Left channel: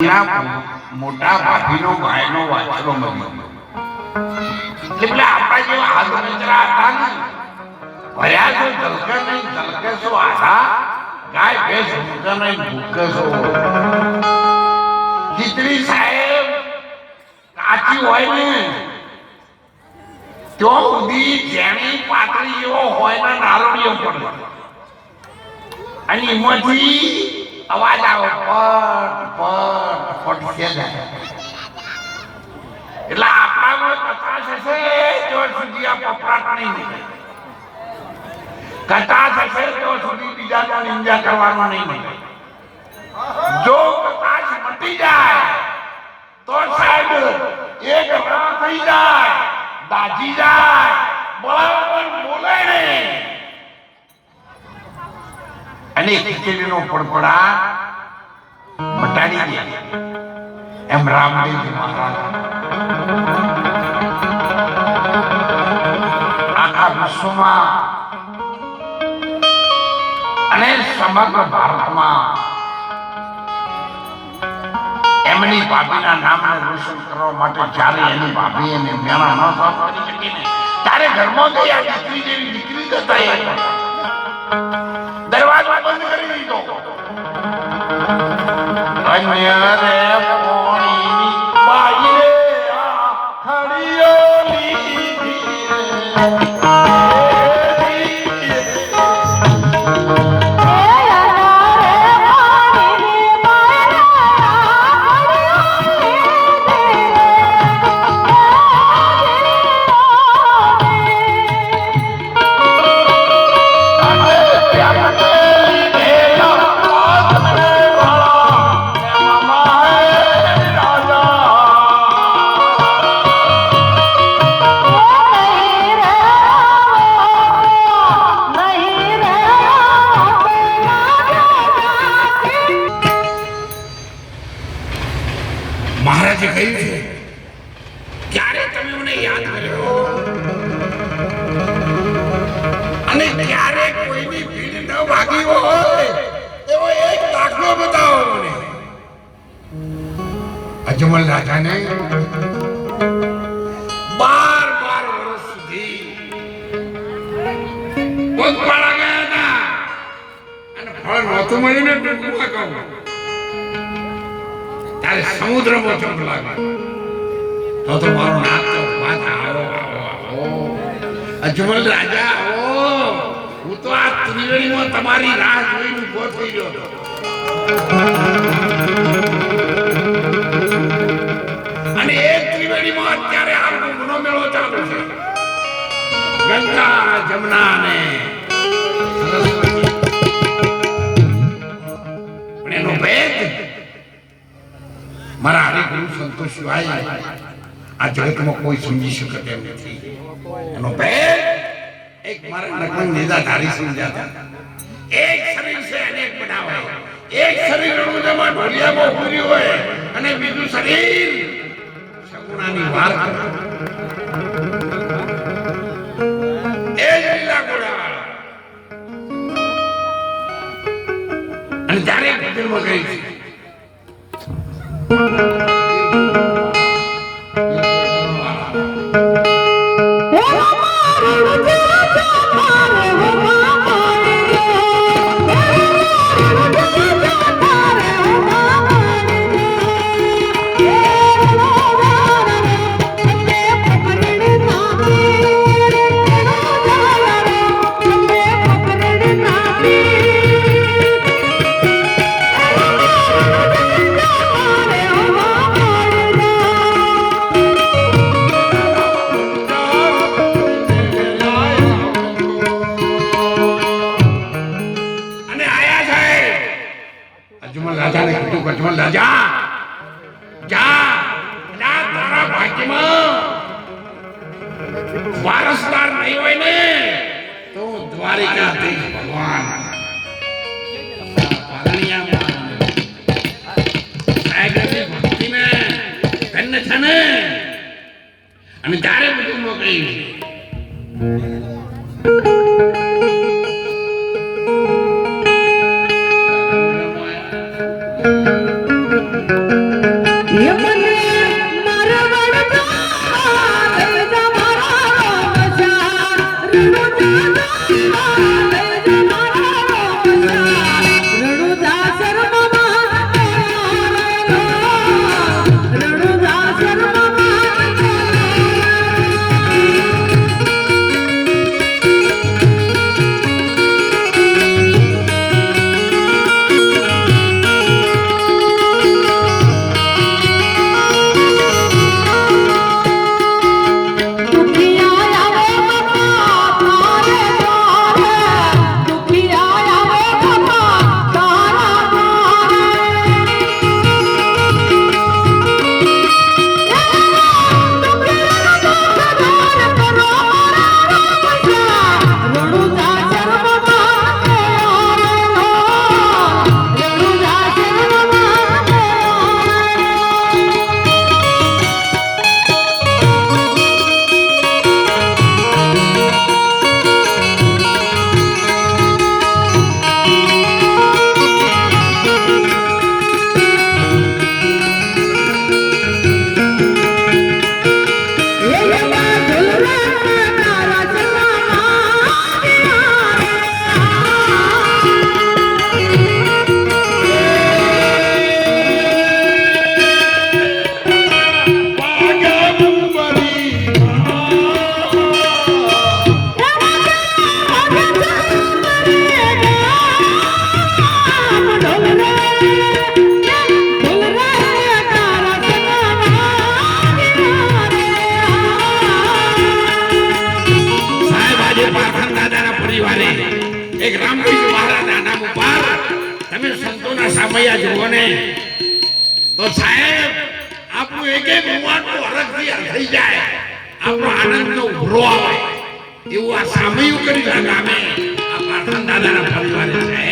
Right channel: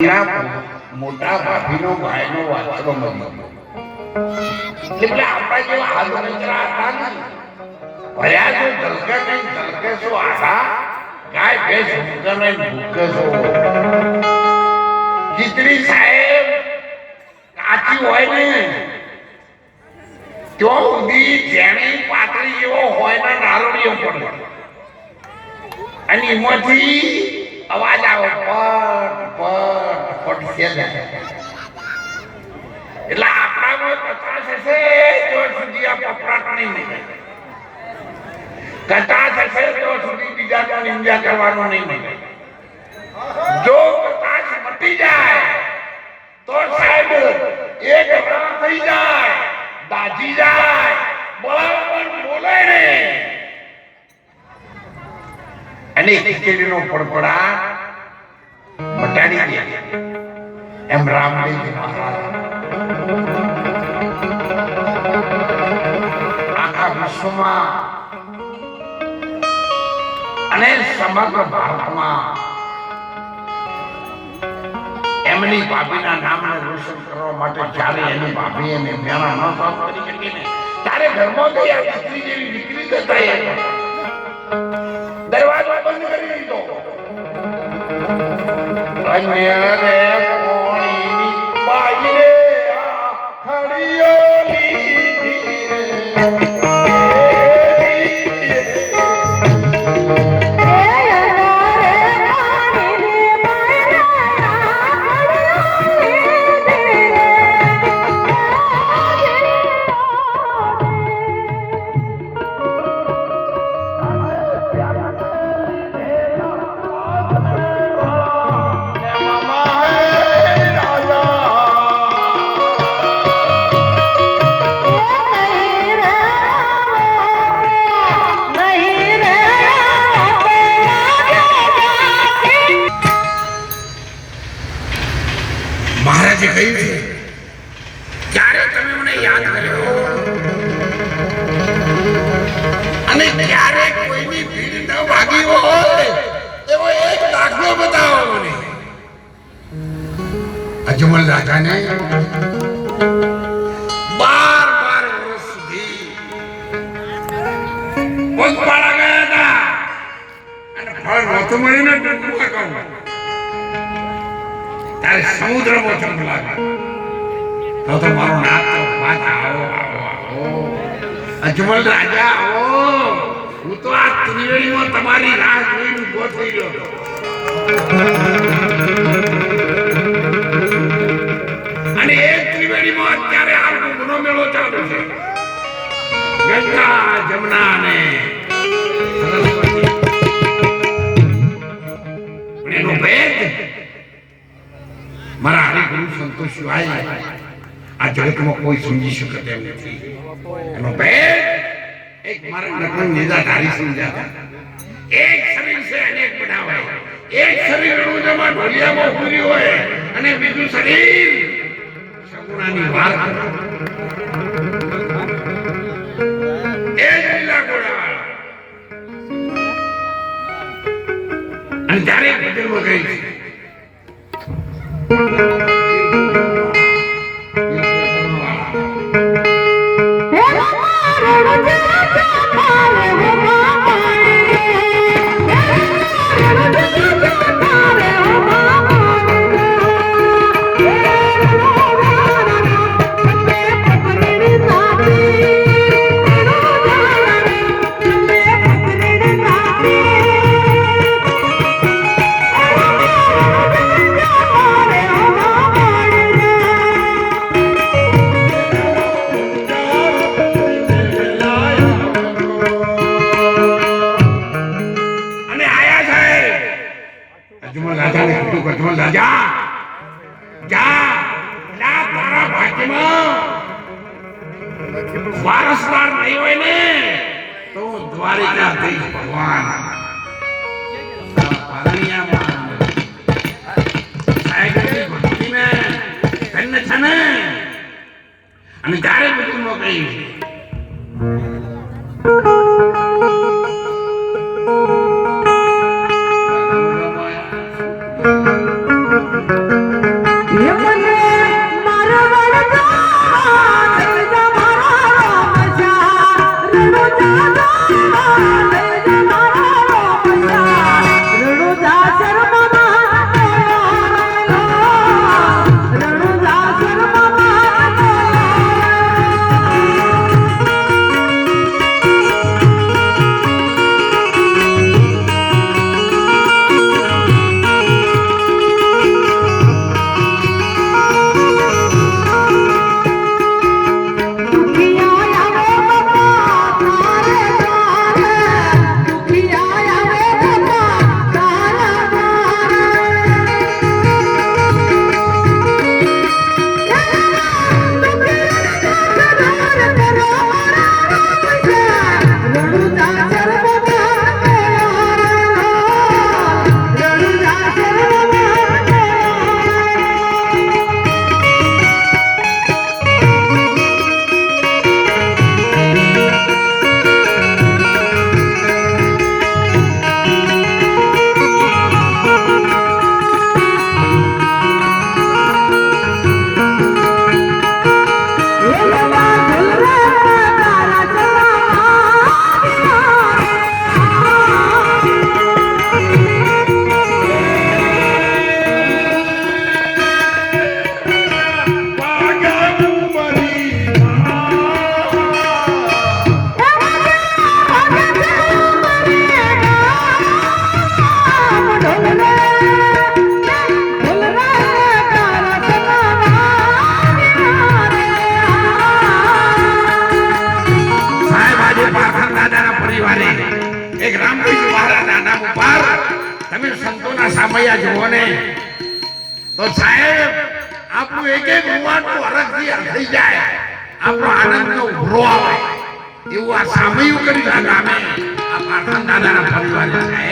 મોટા ભાભીનો ભાઈનો વાછરો મળી એટલે આપણા જેવા હાથરા હતા ને ભર્યા તો ઝલકે નહીં ઝલકે છો આશા ગાય ભેંસ ભૂકે નહીં ભૂકે છો ખીચડી સાહેબ કાચી હોય ને તો ઉડી જેણી પાતળી જેવો હોય ને નારોડીઓ પડે અને એમાંથી અવાજ આવે પટ પટ એટલે આપણામાં કચાશ હશે તો સુધી આ પપરાટ નહીં મળે કચાશ હશે તો સુધી બીજાનો નિંદા કરવાનો નહીં મળે જો કચાશ મટી જાય તો સાહેબ એક રાત થઈ જાય દાજી જાય બરાબર બોલે નહીં અને ખીચડીનો પડપડાટ મટાડી દે એમ રામદેવજી મહારાજ આખા વિશ્વમાં અને સમગ્ર ભારતમાં એમની ભાભીના નામને રોશન કરવા માટે જ્યારે એની ભાભી એને મેળા ન સાફ કરી શકી ને ત્યારે ઘરમાં ગઈ આ દીકરી જેવી દીકરી જતા દરવાજો બંધ કરી દીધો અન્ય રે પોણીની બાઈ રે ખડીઓલી મહારાજે કહ્યું છે ક્યારે તમે મને યાદ કર્યો અને ક્યારે કોઈની ભીડ ન ભાગી હોય એવો એક દાખલો બતાવો મને. અજમલ રાજાને 12 વર્ષ સુધી પગપાળા ગયા હતા અને ફળ નહોતું મળીને ટૂંકમાં કહું ત્યારે સમુદ્રમાં ચંપ લાગ્યો તો મારો નાક તો વાત આવો અજમલ રાજા આવો હું તો આ ત્રિવેણીમાં તમારી રાહ જોઈને ઉભો થઈ ગયો અને એ ત્રિવેણીમાં અત્યારે આ ગુનો મેળો ચાલુ છે ગંગા જમના ને સરસ્વતી પણ એનો ભેદ મારા હરિગુરુ સંતો સિવાય આ જગતમાં કોઈ સમજી શકે તેમ નથી. એનો ભેદ એક મારા નકલ નિદાધારી સમજાતા એક શરીર છે અનેક બનાવાય એક શરીર રૂજમાં ઢોલિયામાં ઉભરી હોય અને બીજું શરીર સગુણાની વાર એ જ લીલા ગોળા અને જ્યારે ભજનમાં ગઈ છે વારસદાર નહીં હોય ને તો દ્વારિકાધીશ ભગવાન ભક્તિને ધન્ય છે ને અને ત્યારે બધું મોકલી એક રામભાઈ મહારાજના નામ ઉપર તમે સંતોના સામૈયા જુઓ ને તો સાહેબ આપણું એક એક રૂવાટું હરખથી થઈ જાય, આપણો આનંદનો ઉભરો આવે એવું આ સામૈયું કરી નાખે. અમે આ પાટણ દાદાના પરિવારે છે.